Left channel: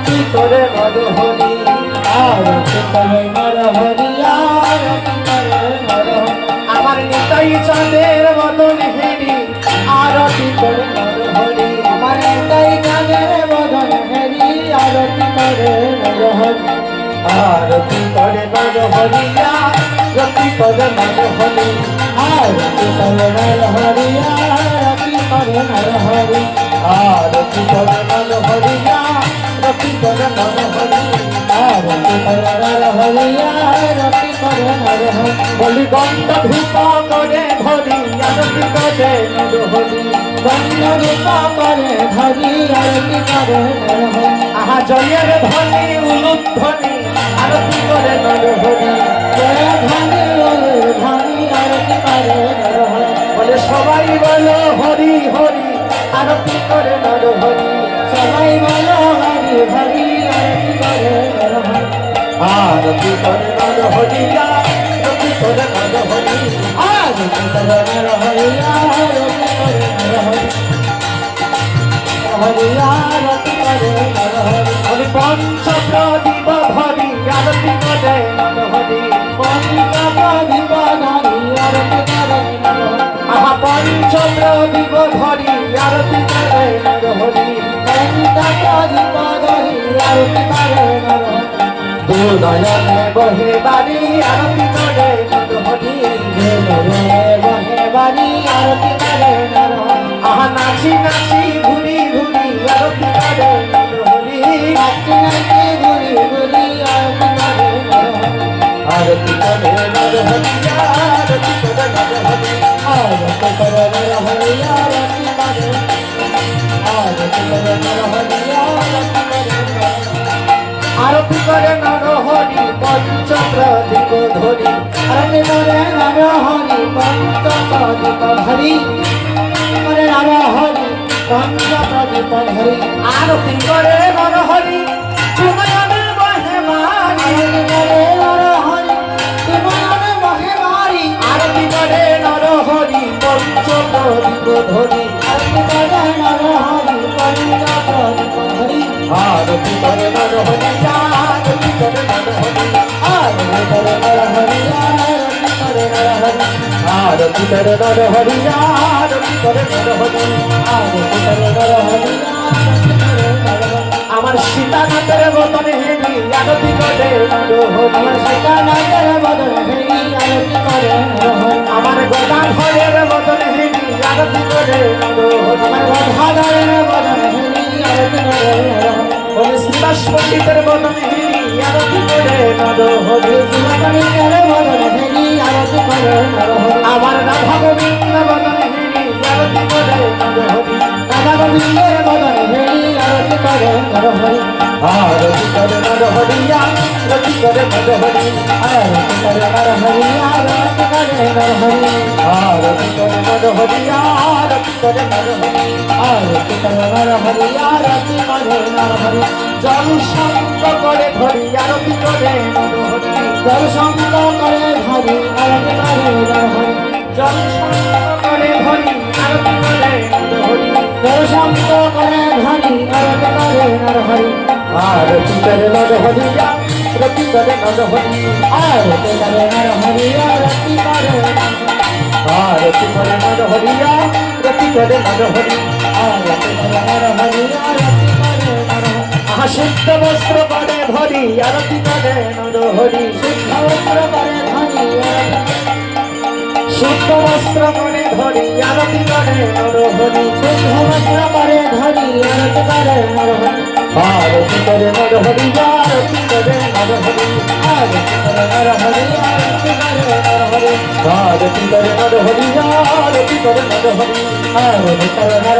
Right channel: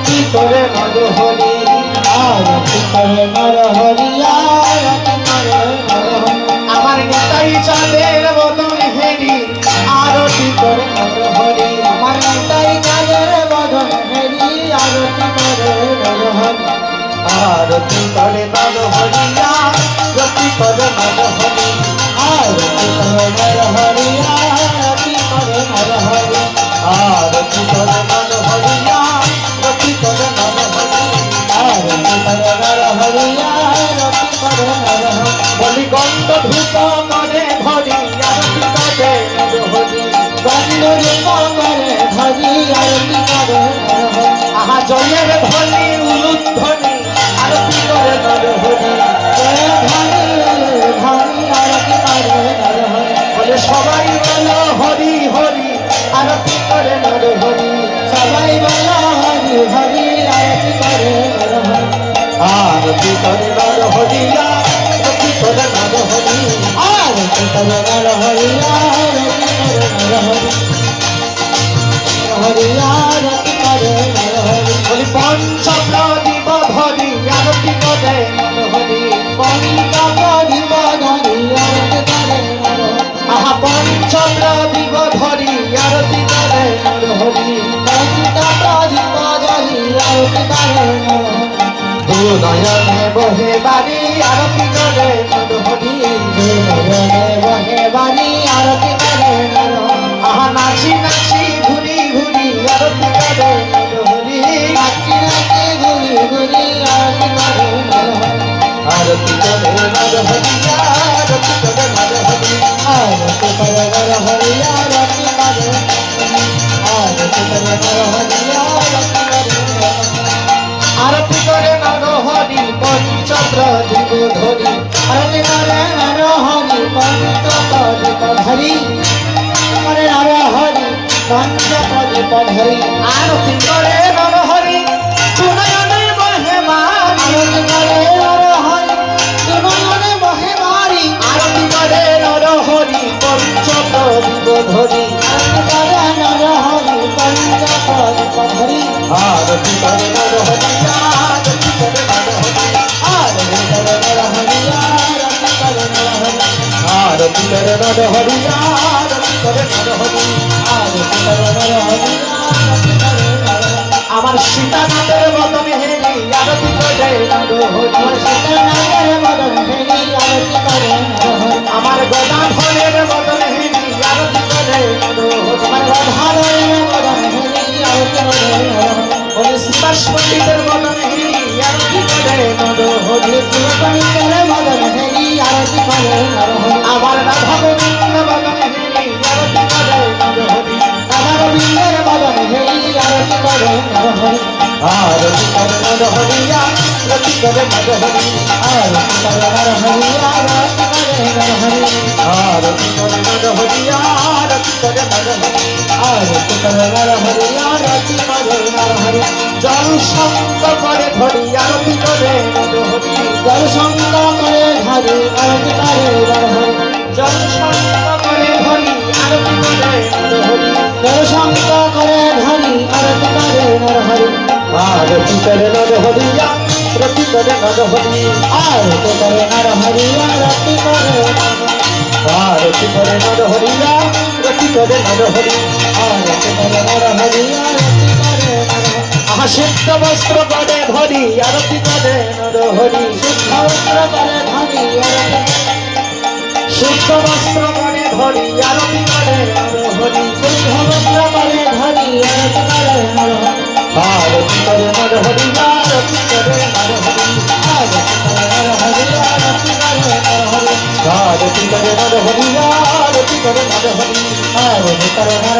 আরতি করে মরহরি আরতি করে মরহরি আরতি করে মরহরি আমার নেতাই চাঁদের বদন হেরি আরতি করে মরহরি আমার নেতাই চাঁদের বদন হেরি আরতি করে মরহরি আরতি করে মরহরি আরতি করে মরহরি আরতি করে মরহরি আরতি করে মরহরি আরতি করে মরহরি আরতি করে নর হরি উলুধ্বনি আরতি করে নর হরি বলে সবাই বলো হরি হরি আরতি করে নর হরি সবাই বলো হরি হরি আরতি করে নর হরি আরতি করে নর হরি God. হরি করে নর হরি পঞ্চ প্রদীপ হরি আরতি করে নর হরি তুমনে মহেমারি করে নর হরি তুমনে মহেমারি। আরতি করে নর হরি পঞ্চ প্রদীপ হরি আরতি করে आरती कर नर हरि आरती कर नर हरि आरती कर नर हरि आरती कर नर हरि आरती कर नर हरि आरती कर नर हरि আমার সীতানাথের শীতের মতন হেরি আরতি করে নরহরি শীতের মতন হেরি আরতি করে নরহরি আবার রাধা গোবিন্দ মতন হেরি আরতি করে নরহরি রাধা গোবিন্দের মতন হেরি জলসঙ্গ করে ধরি আরতি করে জলসঙ্গ করে ধরি আরতি করে জলসঙ্গ করে ধরি আরতি করে জলসঙ্গ করে ধরি আরতি করে নরহরি আরতি করে নরহরি আরতি করে নরহরি আরতি করে নরহরি আরতি করে আরতি করে নরহরি আরতি করে নরহরি আরতি করে নরহরি সিদ্ধ বস্ত্র করে ধরি আরতি করে নর হরি শুদ্ধ বস্ত্র করে ধরি শুদ্ধ বস্ত্র করে ধরি আরতি করে নর হরি শুদ্ধ বস্ত্র করে ধরি আরতি করে নর আরতি করে নর হরি আরতি করে নর হরি আরতি করে নর হরি আরতি করে নর হরি আরতি করে নর হরি আরতি করে হরি আরতি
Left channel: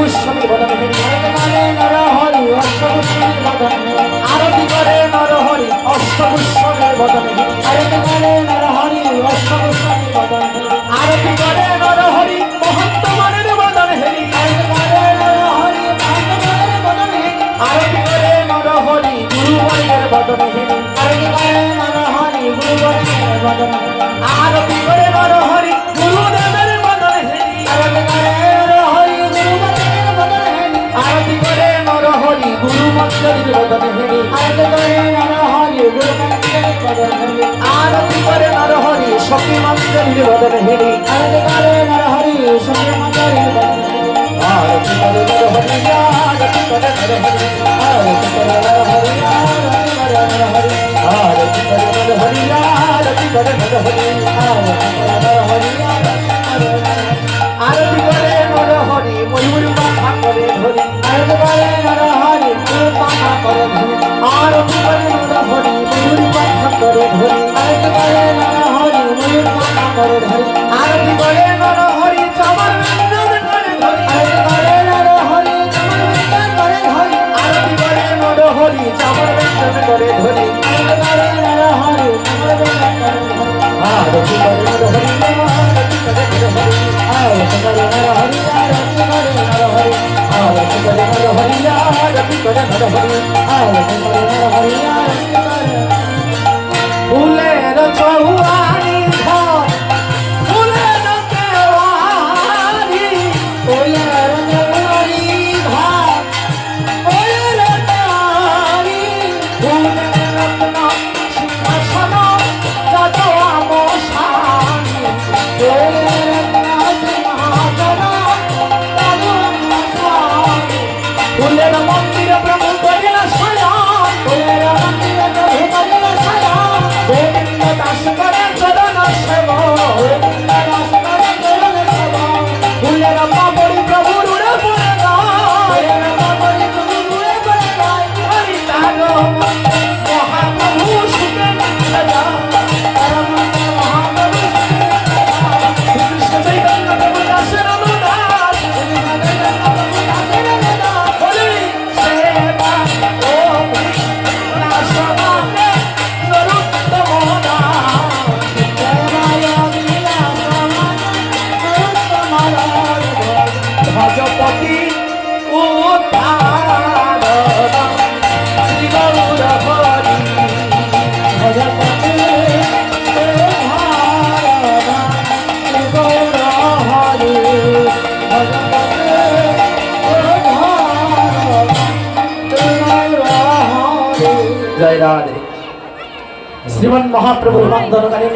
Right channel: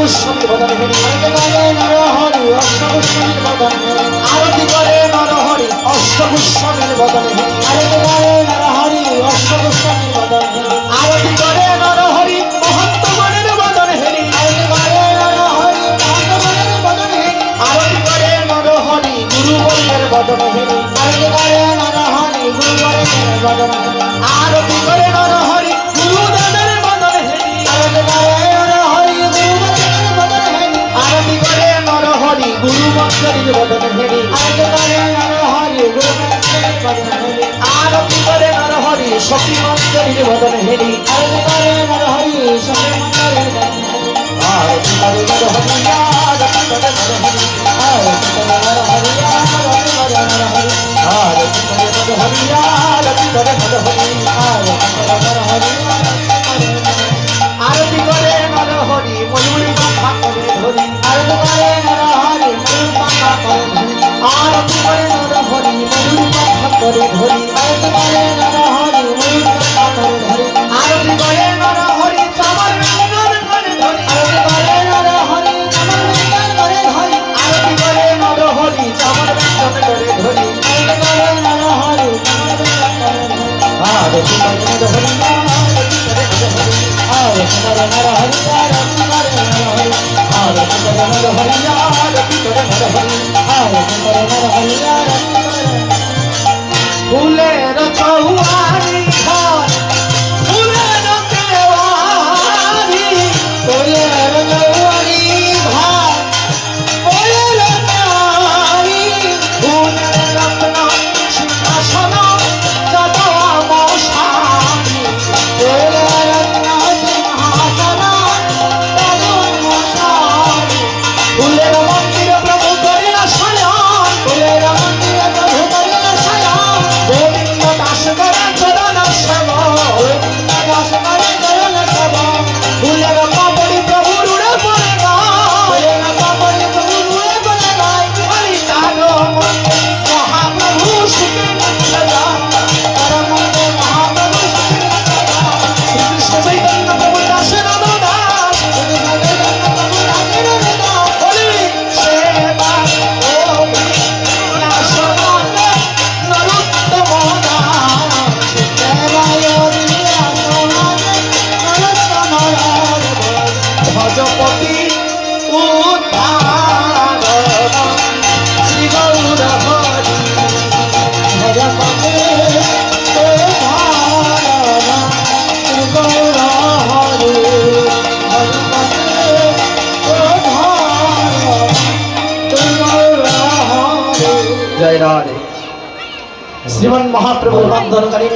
মানুষ সঙ্গে বদন হরি আরতি করে নর হরি সখী মন্দির বদন হরি আরতি করে নর হরি সখী মন্দির বদন হরি আরতি করে নর হরি আরতি করে নর হরি আরতি করে নর হরি আরতি করে নর হরি আরতি করে নর হরি আরতি করে নর হরি জয় রাধে। শ্রীমান মহাপ্রভুর নাম ধরকারী